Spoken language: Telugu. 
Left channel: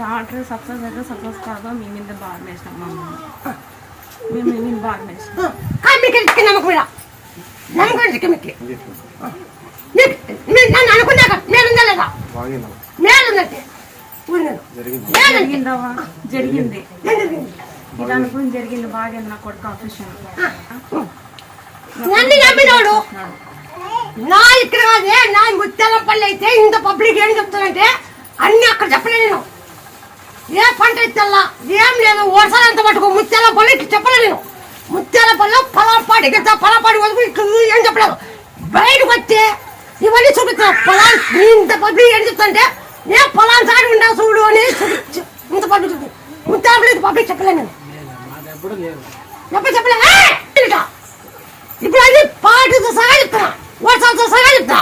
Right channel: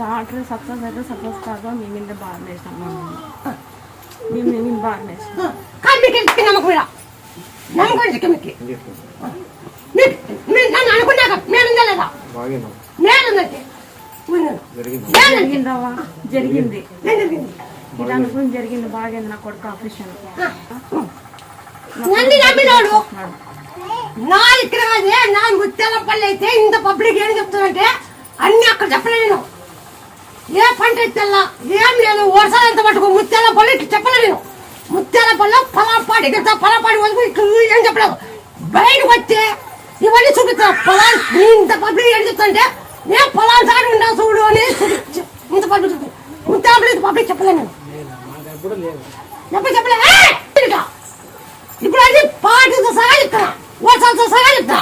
డాక్టర్ సక్సెస్ అయితే సక్సెస్ కాగా మీ మీద బాగా వేసినాం మేము బాగా వేసినాం జరిగిందవా జరిగింది ఇది అనుకుని జరిగింది బాగా నా కొడుకు ఆపరేషన్ నా ఇక్కడ కాదే నా ముత్యాలపల్లి అయితే ఇంత పబ్లిక్ ఏం చెప్తానంటే అన్ని అక్కడ చెప్పలే నేను ఏ పంట తెల్లా ఏం లేదు వర్షాలంత మటుకు ముత్యాలపల్లి చెప్పలే నేను ముత్యాలపల్లి పలాపాడి గత పలాపాడి వరకు ఏం చెప్పలేదు బయటకు వస్తే ఇవన్నీ చూపిస్తా పొలా ఇంత పబ్లిక్ ఏం చెప్తానంటే నేను పొలాలు సాడి ఉండవు చూడు అని ఇంత పబ్లిక్ ముత్యాలపల్లి పబ్లిక్ చెప్పలే నేను ఎప్పుడు చెప్పలే ఇప్పుడు అది పాటతో సహా చెప్తాను వర్షాలతో సహా చెప్తా